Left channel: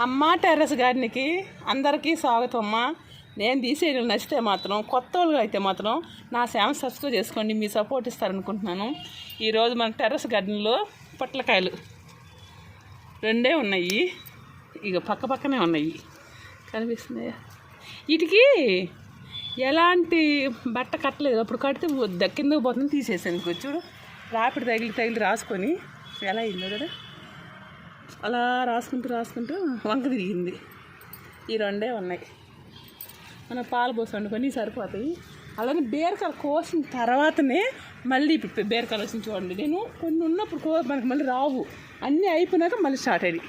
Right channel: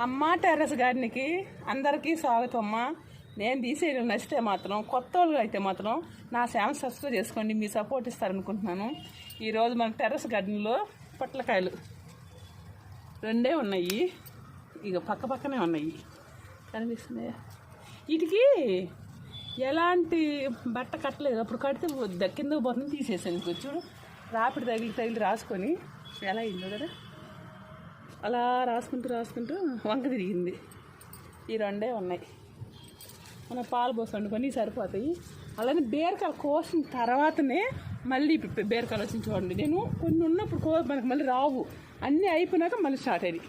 అమ్మ టెర్రస్ గార్డెన్కి అందరికీ స్వాగతం అమ్మ నేను తీసేయడం నచ్చితే మాత్రం కొత్త వాళ్ళు అయితే మాత్రం నా ఛానల్ సబ్స్క్రైబ్ చేసుకోండి మీ సపోర్ట్ ఇస్తారనుకుంటున్నాను. ఈరోజు మన టెర్రస్ గార్డెన్లో పొట్లకాయలు. రెండే ఉన్నాయి. ఇక పక్క పక్కనే ఉన్నాయి. కనిపిస్తున్నాయా? వీటికి ఎలాంటి బట్ట కట్టలేదు. అప్పుడు కడితే ద- కిందకు పోతుంది తీసేసాను. చూడు రాపిడి తగిలి తగిలి రాసుకొని ఎలా అయిందో కదా అలా రాసుకుంటూ రాసుకుంటూ వంక తిరిగింది. ఈ రెండే ఉన్నాయి. మన పాలు పోసి వండుకొని సరిపోతాయి. అలానే బీరకాయలు కోసిన తర్వాతనే మళ్ళీ ఇప్పుడు బీరకాయలు వచ్చింది చూడండి. నేను కొన్ని ఉన్నప్పుడు కో మనకి మళ్ళీ రావు. అన్నీ అయిపోయినాక మళ్ళీ స్టార్ట్ అయ్యి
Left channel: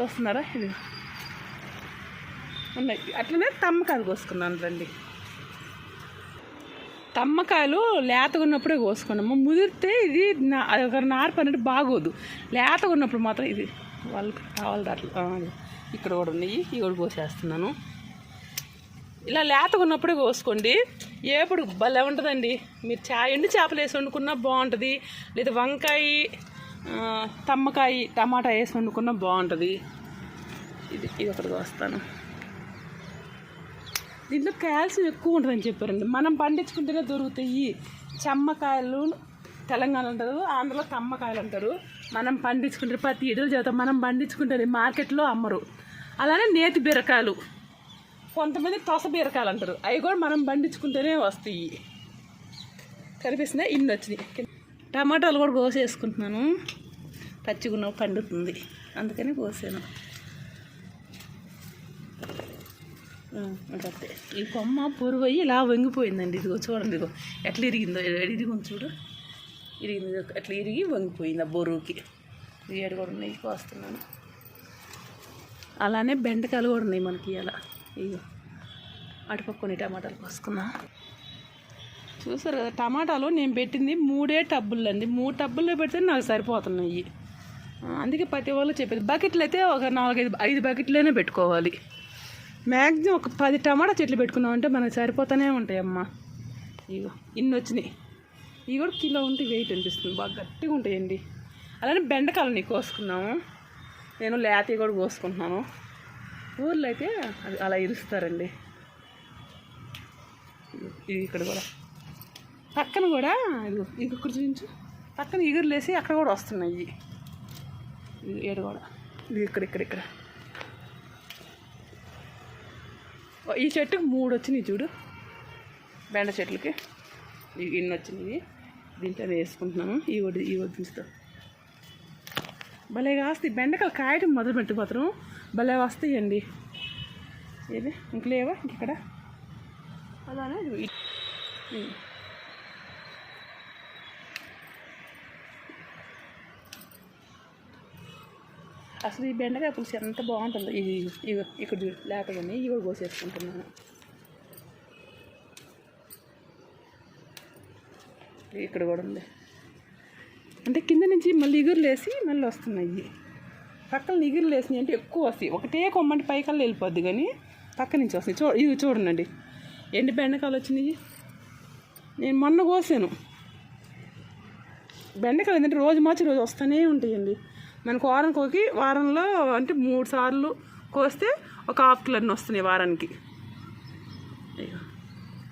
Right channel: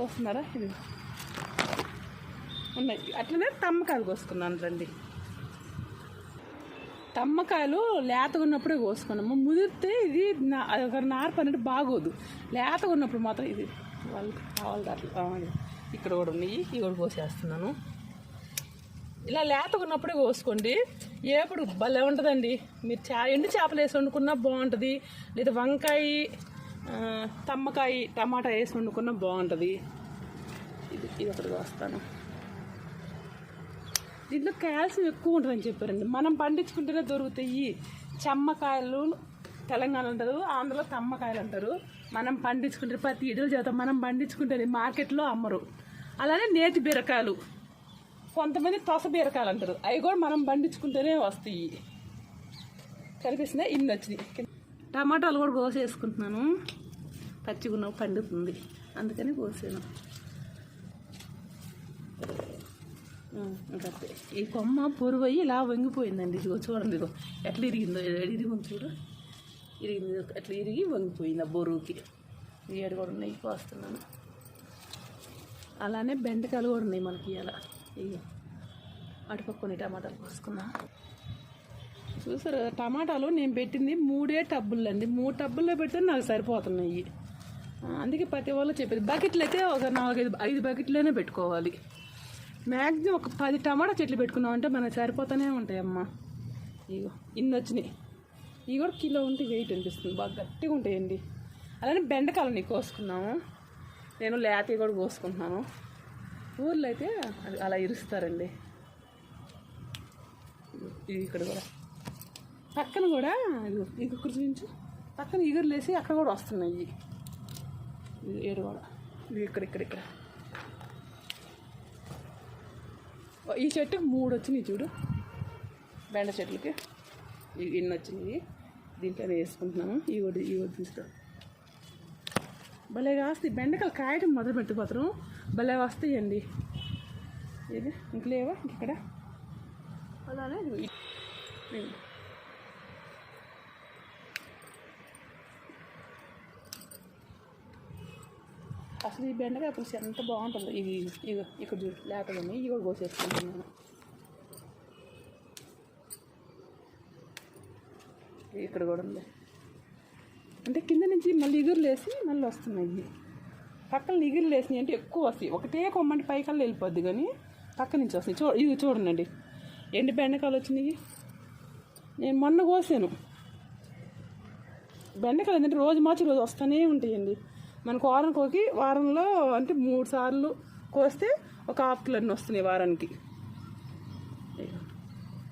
చూస్తున్నారా? ఇది ఉన్నాయి. అట్లనే తమ్మకాయలు కోసుకున్నాను రండి. తమ్మకాయలు లేతగా ఉన్నప్పుడే కోసుకున్నాము ముదిరితే ఇది నా అది ఒక నార్పు అనేది బాగోదు. లేతగా ఉన్నప్పుడు మాత్రం ఇది వాళ్ళకి కావాలి అట్లా ఇక్కడ కూడా ఉన్నాయి. ఇవి కూడా కోసేస్తున్నాను. ఇలా లేతగా ఉన్నప్పుడే కోసుకోండి. ఏపుడు భలే ఉంటుందండి. మీరు చా ఎండు చేపలు వేసి వండుకున్నా బాగుంటుంది. లేదా వంకాయ తమ్మకాయ టమాటా వేసి వండుకున్నా బాగుంటుంది. ఇది ఇది ఒకటి కోస్తాను. దీంట్లో కాల్షియం ఎక్కువ ఉంటుందని చెప్పారండి. మనం పండించుకుంటేనే దొరుకుతాయి చెమ్మకాయలు తెలంగాణ అంటారు ఆంధ్రలో కమ్మకాయలు అంటారు. మనం పండించుకుంటే ప్రతి ఇడలు చదువుతాం మనం పండించుకుంటే మార్కెట్లో అమ్మరు. అలానే నేతి బీరకాయలు. కొంతమంది తొస బీరకాయలు అంటారు. అవి కూడా మనం పండించుకుంటేనే వస్తాయి. కనిపిస్తున్నాయి? ఇన్ని వచ్చినాయి. టమాటాలు కూడా కోసేసుకుంటున్నాను. పచ్చిగున్న పండుతుంది. అందుకని కోసాను. అంతే ఈ కొమ్మ పొరువయ్యి ఇలా వంగిపోయిందండి. ఇదిగో చూడండి ఇదిగో. ఎట్లా ఇరిగిందో ఇదిగో చూడు. ఇరిగింది అట్లా ఇరిగి వంగిపోయింది ఆ బొరువుకి. ఈ ఏడు కూడా ఉన్నాయి కోస్తున్నాను అలానే బెండకాయలు కూడా ఉన్నాయి మనకి ఇలా ఇవి అటుపక్క కొన్ని టమాటాలు కోసుకున్నా చూసారు కదా టమాటాలు నేను పెట్టింది మూడే టబ్బులు అండి. మూడు టబ్బుల్లో పెడితే నాకు సరిపోతున్నాయి అందుకే ప్రతి వాళ్ళు చెప్పేది బకెట్లు అయితే ఒక నాలుగైదు ఐదు బకెట్లైనా పెట్టుకోవాలి. మ్యాక్సిమం ఒక పది టమాటా చెట్లు పెట్టుకున్నామంటే మనకు సరిపోతానే ఉంటాయి అమ్మ ఇగో ఇన్ని వచ్చినాయి. ఇవి కూడా కిలో ఉంటే వెయిట్ అనిపిస్తుంది. బాగా గట్టిగా ఉంటాయండి. అలానే బెండకాయలు నీకు కోసుకున్నాము. నేను లేత కూడా కోసుకుంటున్నాను. ఊర్లో అయితే అలా ఇరుస్తారండి. ఇది ఇక్కడ కూడా. పక్కన కూడా ఇదిగో ఇంకొకటి చూపించు. పక్కన ఇగురులేసి అక్కడ కూడా వస్తున్నాయి. ఏడు కూడా. ఇది ఇక్కడ ఇక్కడ ఇక్కడ. ఈ చెట్టు మూడు వచ్చినాయి చూడు. బెండ చెట్లకి. ఇన్ని వచ్చినాయి. దీంట్లో వేసుకుంటున్నాము. ఈ వడ్డీ ఈ వడ్డీ తీస్తా భలే కాస్తాయి. బెండకాయలు కాయటం మొదలు మాత్రం భలే వస్తాయండి. ఇది ఇంక లేవా? ఇంకెక్కడ అలానే అసలు ఈ బెండకాయ పులుసు ఎంత బాగుంటుందో ఇది ఇవి ఇక్కడ లేకదని ఇవి కూడా కోసేసుకుంటున్నాను. ఇక్కడ కూడా ఉంది. అంటే కింద నుంచి మళ్ళీ ఇగురులు వేసి మళ్ళీ వస్తున్నాయి పక్కన ఇగురులు వేసినాయి అంటే ఎక్కువ వస్తాయి. ఒకటే కొమ్మంటి పైకల్లా వెళ్ళిపోద్ది కానీ పక్క నుంచి వస్తాయి. చూ ఇవి చూడండి. ఎండి బెండకాయలు వచ్చినాయి? నేను మొన్న కోసాను. బెండకాయలు ఏంటంటే రోజు మార్చి రోజు వస్తూనే ఉంటాయండి. మనకు వారం కోకి వారంలో అంటే మూడు సార్లు కోస్తే ఒక హాఫ్ కిలోని వస్తున్నాయి వారానికి.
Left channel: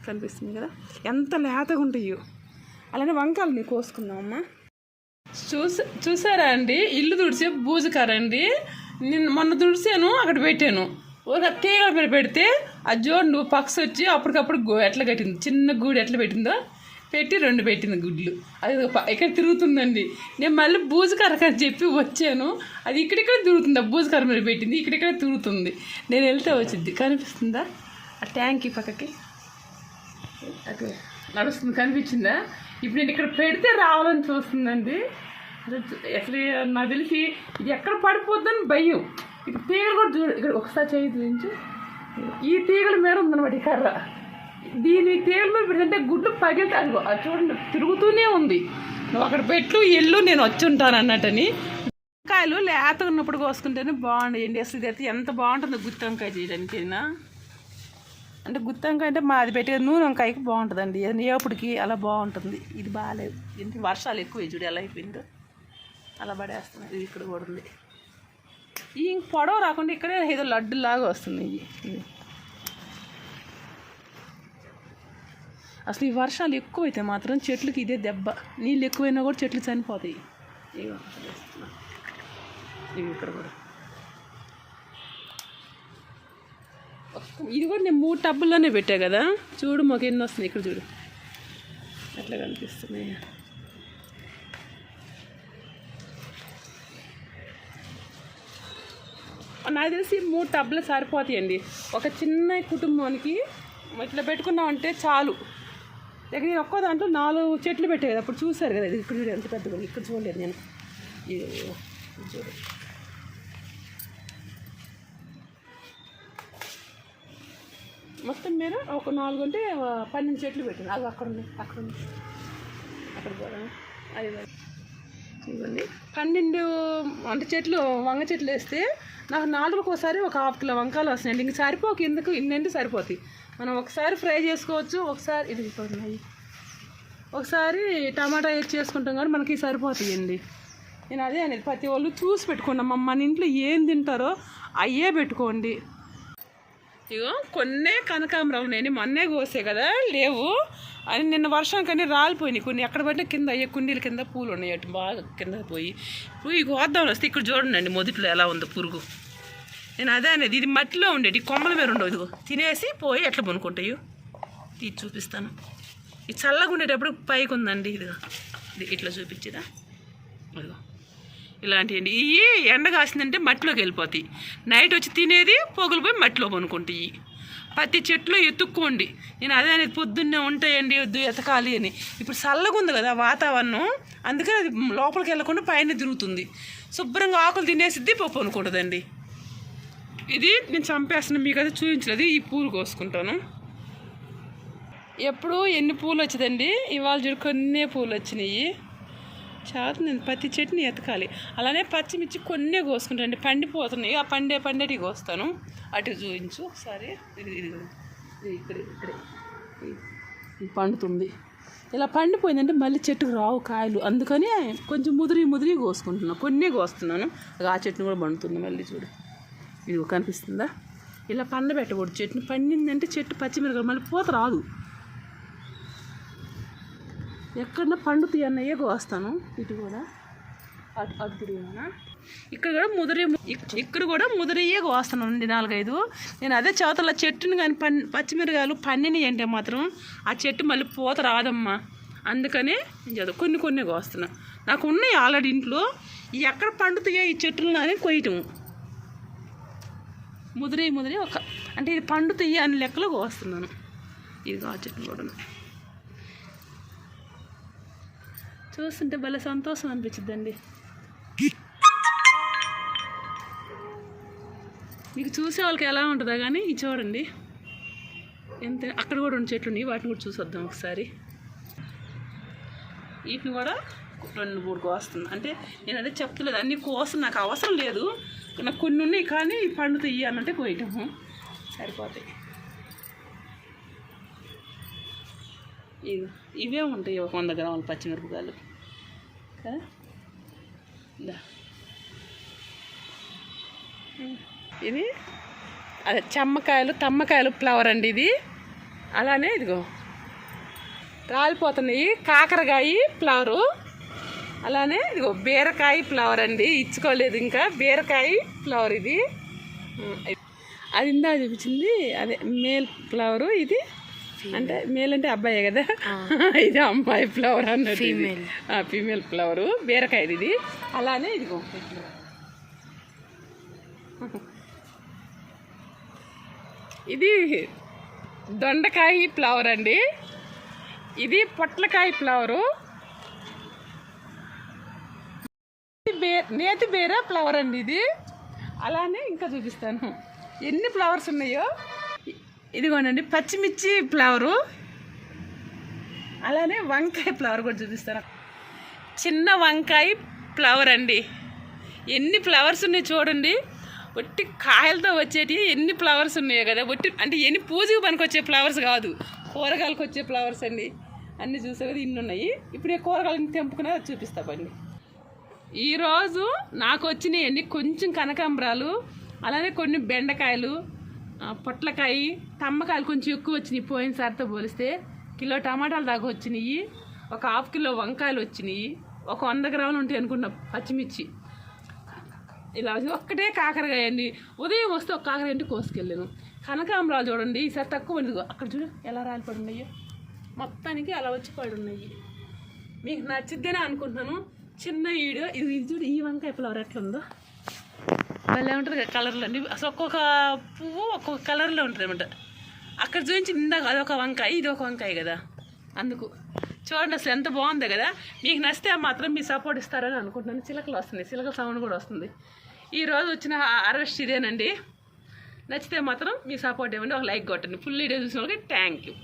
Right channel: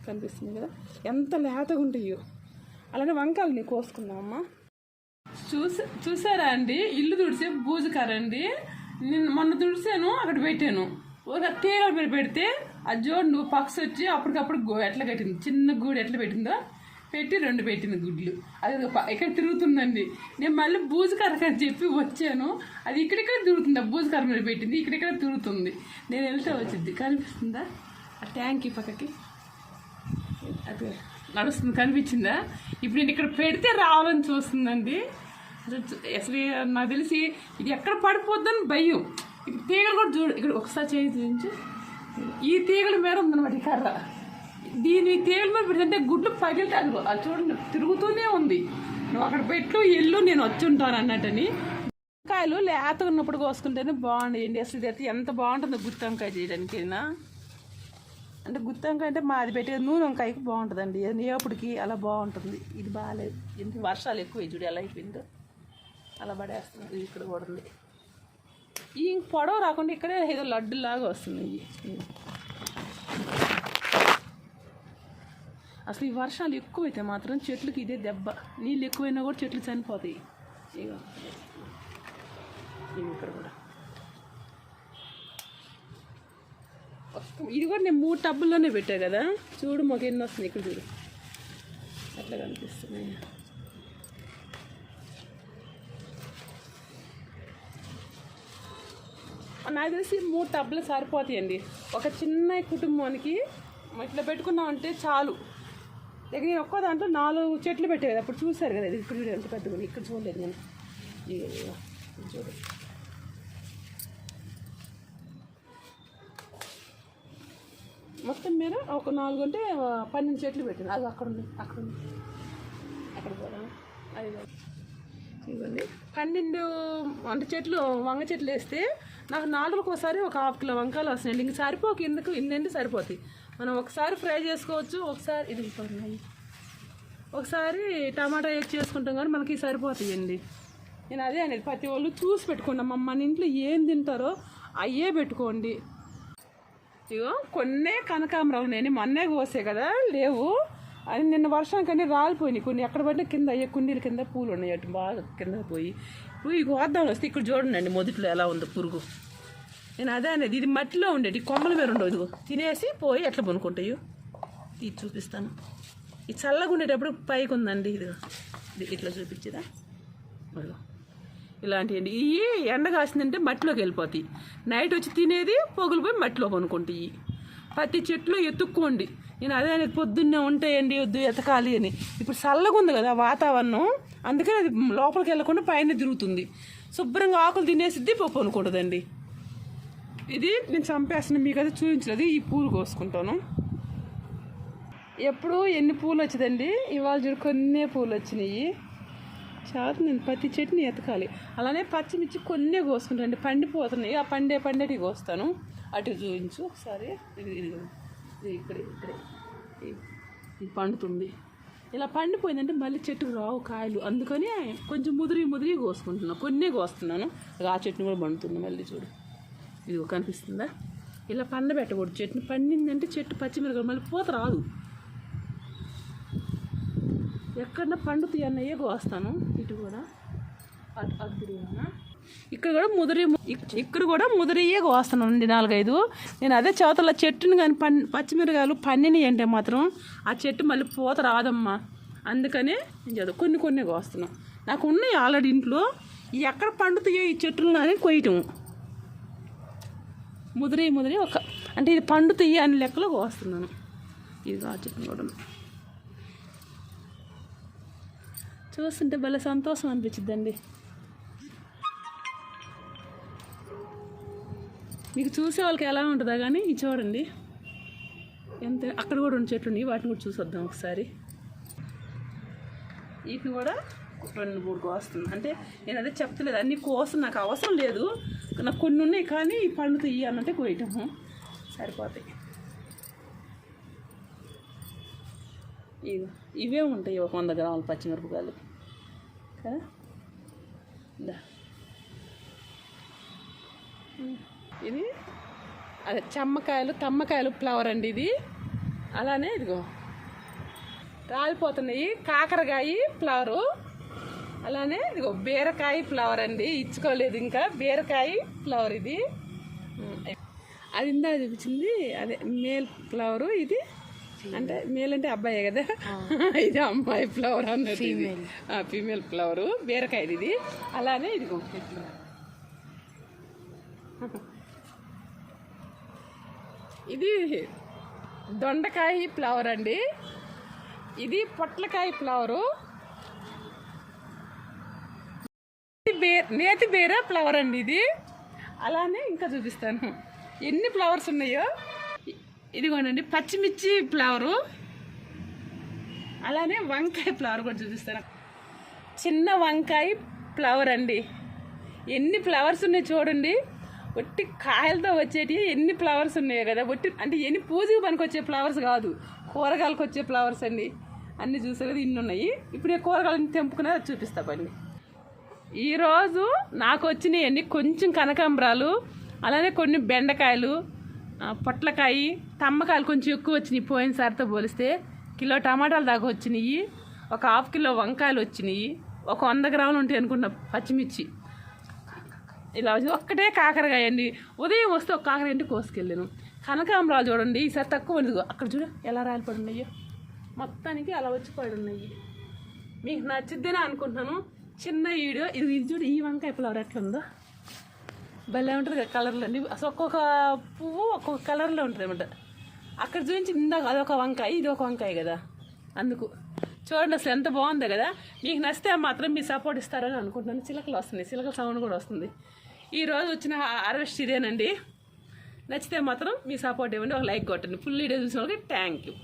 కనిపిస్తుంది కదా? ఎంత లేతగా ఉంటాయో అలానే వంకాయలు నీకు కోసుకుందామమ్మా. చూసా చూసారా అండి? ఇల్లు తుడిచే బూజుకారండి. నిన్న మొన్న తుడిచాను అక్కడ పెట్టాను. ఒక తీగల పెడితే ఆ జోడు నువ్వు పక్షి వచ్చి అప్పటికప్పుడు ఎట్లా కట్టింది? చిన్న గూడు ఎట్లా పెట్టిందో? పెట్టి రెండు పెట్టింది గుడ్లు. అది ఇక్కడ తిరుగుతుందండి. నేను మళ్ళీ బూజు కరకని చెప్పి వచ్చాను. అది ఇక్కడిక్కడ తిరుగుతుంది. ఆ బూజు కర పెట్టింది. ఇక్కడిక్కడ తిరుగుతుంది. నేను వెళ్తే వచ్చింది. కనిపిస్తుందా? ఆ ట్యాంక్ ఈ పక్కకి. అదే నడుస్తుంది. కనిపించిందా? ఇప్పుడు నేను ఇక్కడ పెడితే రావాలని చూస్తుందండి. అసలు అసలు నాకు తెలిసి ఇది ఎక్కడ పడిపోద్దని భయం. ఇక్కడ తీగలు కూడా చూడు. ఇక్కడ ఒకసారి చేయి చూపించు. ఈ తీగల మీద ఉందన్నమాట ఈ కర్ర. దీని తీగల పెడితే గుడ్లు పగిలితే అది చూడండి తిరుగుతూనే ఉంది. నువ్వు అక్కడ పెట్టు ఎల్లు నేను వచ్చి ఉంటాను అన్నట్టని. వంకాయలు లేత ఉన్నప్పుడు కోసుకుంటేనే బాగుండేయండి అసలు ఇది అయితే ఎంత బాగుంటుందో గుత్తి వంకాయ చేయడానికి అయినా. అంటే గుత్తి వంకాయ అంటే మాది పెట్టే నూనె వంకాయకి బాగుంటుందండి. ఏపటికి అలా బాగుంటుంది. ఇది బాగాలేదు. ఎందుకు? వర్షాలు ఎక్కువ చూడు ఎలా అయిపోయిందో. అలా పడేస్తుంది. ఇక్కడ కూడా ఉంది. ఈ పొడవ రాకుండా ఇక్కడే ఏదో లడ్డు లాగా వస్తుంది ఇవి. అసలు ఈ వర్షాలు ఎక్కువైతే మాత్రం చెట్లకి ఇదే దెబ్బ. నీళ్ళు ఎక్కువైనా కూడా చెట్లు చనిపోతాయి. ఇక్కడ కూడా. ఇది కూడా నేను మూడు టబ్బుల్లోనే పెట్టా కదా. చూడు మాకు ఎన్ని వస్తున్నాయి ఇక్కడ చూడు. ఎట్లా కనిపిస్తున్నాయి? నాకు తెలిసి మూడు టబ్బులు సరిపోతాయండి. ఒక చిన్న కుటుంబానికి ఇట్లా పెట్టుకున్నామంటే చాలు. దగ్గర నేను ఒక్కో దాంట్లో నాలుగు చెట్లు పెట్టేది కదా అప్పుడు చూసారు కదా ఇది ఇప్పుడు ఎంత పెద్దగా ఇక్కడ చూడలేదు నేను. ఇది చూడు. మొత్తం మీరు ఒక నాలుగు అంటే పన్నెండు చెట్లు పెట్టాను అది అక్కడ ఉంది అక్కడ ఉంది. అక్కడ కూడా అది ఇవ్వండి పన్నెండు వంట చెట్లు వంగ చెట్లు వేస్తే నాకు నాలుగుకి ఒకసారి ఒక హాఫ్ కిలో వంకాయలు వస్తున్నాయండి ఇంక సరిపోక ఎందుకు? ఇన్నంటే సరిపోతాయి. మనం ఒకసారి ఫ్రై చేసుకోవచ్చు ఒకసారి ఇది పడినాయి ఒకసారి టమాటా వేసి చేసుకుంటాం కానీ మనకి సరిపోతాయండి. నేను అదే అనేది ప్రతి వాళ్ళు చూసి పెట్టుకున్నాం మన ఇంట్లో ఏం తింటారో అయ్యే పెట్టుకోండి. ఇగో కొన్నే కనకాంబరాలు నేను మొన్నే కోసే కదా లేవు. అని నిన్న వర్షం కానీ రాలిపోయినాయి. కొన్ని ఎక్కడ పడినా కింద అయ్యే కుండీల కింద పూలు ఉన్నాయి. అటు బాగా కింద పోయి. ఇప్పుడు ఈ గోద్దాం వస్తే ఇక్కడ చూడండి మొదట్లో ఎలా ఉందో పురుగు. నేను అదే అనేది ఇది మట్టిలో ఉండేది కొమ్మల మీద ఉండవు ఇదిగో. తినేసి పోయి ఎట్లా పనుకుంటాయో? ఇది చూపిస్తాను. ఇది చల్లగా ఉండేటప్పుడు పైకి ఉందండి ఇదిగో ఇది ఇట్లా చూపించేదా? ఇదిగో. ఇలాంటివండి ఇవి ఎండ కాసిందంటే మట్టిలోకి వెళ్ళిపోతాయి. నైట్ వచ్చి తినేది పొగులు పోయి మట్టిలో పనుకుంటాయి. ప్రతి చెట్లు ఎత్తుక్కోండి. నేను అదే అనేది పొద్దున్నే ఉంటాయండి వద్దు ఎతకాలి అని. ఇప్పుడు చల్లగా ఉంది కదా వాతావరణం అందుకని అది లోపలికి వెళ్ళకుండా పైన తిరుగుతుంది. శుభ్రంగా ఆకులు తినేసిద్ది పప్పు అనుకుంటుందండి ఇది నేను చంపేస్తున్నా మీకు అది చూపించలేదు. ఈ పూలు కోసుకుంటాను. ఎప్పుడు ఎన్ని పూలు వచ్చిందండి? ఇవాళ చూడు కొన్నే పూలు వచ్చినాయి. చాలా నేను ప్రతి చెట్టుని ఎతకాలి. అలానే పచ్చిమిర్చి కొన్నే కోసుకుంటానండి పండిపోతున్నాయి. ఆ పండే పండేటి కోస్తాను. అటు చూపించు. సరే ఇది ఇది ఇక్కడ ఇక్కడ. పండుతుంది. ఇలా పండిపోయిందంటే మళ్ళీ చెట్టుకు రావు కాయలు. అందుకని కొంచెం ముదిరి ముదిరి కోసుకుంటున్నాను. కొన్నే కోస్తున్నాను. ఆ చెట్టుని కూడా పండుతుంది మళ్ళీ చూడు. ఇది కనిపిస్తుందా? ఇలా పండబెట్టకూడదు చెట్టుని పండిందంటే చెట్టు పచ్చిమిరపకాయలు మళ్ళీ పూత రాదు. ఎక్కడన్నా పండుతాయి అన్నయ్యే కోస్తాను ఇటు కూడా. అటు అటు తిరిగానా ఇక్కడ కూడా ముదిరి ఇక్కడ కూడా ముదిరియే కోస్తాను అండి నాలుగైదు. నేను అదే చవతల చెట్టుని కానీ పన్ పచ్చిమిరకాయలు పన్నెని అంటే మాత్రం ఆ చెట్టు మళ్ళీ పూత రాదమ్మా. అందుకని నేను చదువు కొన్ని కొన్ని కోస్తున్నా నాకు ఉన్నాయి ఆల్రెడీ ఇంట్లో. ఎక్కడ పండుతాయో ఈ చెట్టులు కానీ కొయ్యటం. ముదిరి ముదిరి ఒక అంటే ఇది పండుతాయి అని లెక్కలో కోస్తున్నాను ఇది ఆ కూడా చూస్తుంటే భలే సంతోషం అనిపించిద్దండి. మీకు చూసే వాళ్ళకి ఎలా ఉంటుందో కానీ ఇది చూడండి. ఎంత అక్కడ కూడా ఉన్న చెట్లు ఉన్నాయి. వాటిని కూడా చూసొద్దాం ఒకసారి. వీటిని కూడా రెండు మూడు కోస్తుంది. అంటే నేను చెప్తలేదు అన్ని కోసం నాకు అవసరం లేదు. నాకు కొన్ని ఉన్నాయి కానీ ఈ పండుతాయి అనంటే కోయటము సరిపోతాయి. ఇవి ఇవే ఉంటాయి ఒక వంద గ్రాముల పచ్చిమిరపకాయలు. ఇది? అదే చెమ్మకాయలు తమ్మకాయలు ఫ్లవర్ అండి ఇది. అలానే ఇదిగో. రాలిపోతున్నాయి. కాకరకాయ ఫ్లవరు. అలానే ఇదిగో బీరకాయ ఫ్లవర్ అండి ఇచ్చుకోలేదు ఇంకా. బీరకాయ ఫ్లవర్ ఇది. అది ఇందా చూపించింది అదే మేల్ ఫ్లవరు ఇది. అంటే మేల్ అంటే అబ్బాయే కదా. ఇది అమ్మాయి ఫ్లవర్ అన్నట్టు ఫీమేల్ ఫీమేల్ ఫ్లవరు బీరకాయ ఇది. అలానే ఇదిగో. ఇది దొండకాయ ఫ్లవర్ అండి. ఇది పొట్లకాయ ఫ్లవరు. బేర్ నేతి బేర ఫ్లవర్ అండి ఇది. అలానే ఇంకా చూపిస్తాను. ఎన్ని ఫ్లవర్స్ ఉన్నాయో? ఇదిగోనండి పచ్చిమిర్చి ఫ్లవరు అలానే వంకాయ ఫ్లవర్ కూడా చూపిస్తాను. చిన్న వంకాయ ఫ్లవర్ అండి. ఎన్ని ఫ్లవర్స్ ఉన్నాయి చూడండి. ఒట్టి కాయలతో వచ్చేటి ఎన్ని ఫ్లవర్స్ ఉన్నాయో కదా. ఒట్టి అంటే ఎన్ని పూజకు పనికొచ్చే ఫ్లవర్స్ కాదు. కూరగాయలకు వచ్చే ఫ్లవర్స్ అండి. అన్నీ చూసే కదా ఇన్ని ఉన్నాయి. ఇప్పుడు ఈ కూరగాయలని తెంపుకునే అది చూపిస్తామండి ఈరోజు నాకు వచ్చినాయండి కొంచెం కనకాంబరాలు అలానే కొన్ని బెండకాయలు పొట్లకాయి పొట్లకాయ తమ్మకాయలు కొంచెం ఎక్కువ వచ్చినాయి పోయినసారితో పోలిస్తే. కిలో టమాటాలు దాకా వచ్చినాయి ఒక హాఫ్ కిలో వంకాయలు వచ్చినాయి ఒక వంద గ్రాములు ఉంటాయి అనుకున్న పచ్చిమిర్చి. ఇలా ఒక్కటే కాకరకాయ అండి. ఉదయం వస్తే ఒక కాకర ఇంటి కోసుకెళ్ళాను. కనకాంబరాలు చూడండి ఈసారి తక్కువ ఉంది. అక్కడ చూడు ఎలా రాయలు పడి ఉన్నాయో. మొత్తానికి అలా వచ్చి పడి ఉన్నాయి. మీకు నచ్చిద్దేనే అనుకుంటున్నాను. చిన్న ఈడు ఇది ఇది చూడు ఈ వంకాయ ఫ్లవర్ ఎట్లుందో ఉందో. భలే ఉంటుంది కదా కలర్లో అసలు ఒక్కొక్క పువ్వు ఒక్కొక్క కలర్లో ఉంటుంది అనమాట అక్కడ చూపించి ఇందాక అదొక వంకాయ ఇది ఒక వంకాయ కదా. అందుకు. చూడండి అసలు ఎంత బాగుందో కదా. మీకు నచ్చితే మాత్రం మీ సపోర్ట్ ఇస్తారని అనుకుంటున్నాను. చిలకలు వస్తుంది చిలకల సౌండ్ కూడా వస్తుంది. ఈరోజు వచ్చిన అరెస్ట్ ఇదేనండి. నచ్చితే మాత్రం మీ సపోర్ట్ ఇవ్వండి. ఒక లైక్ కొట్టండి. ఫుల్ వీడియో చూసిన వాళ్ళకి థ్యాంక్ యూ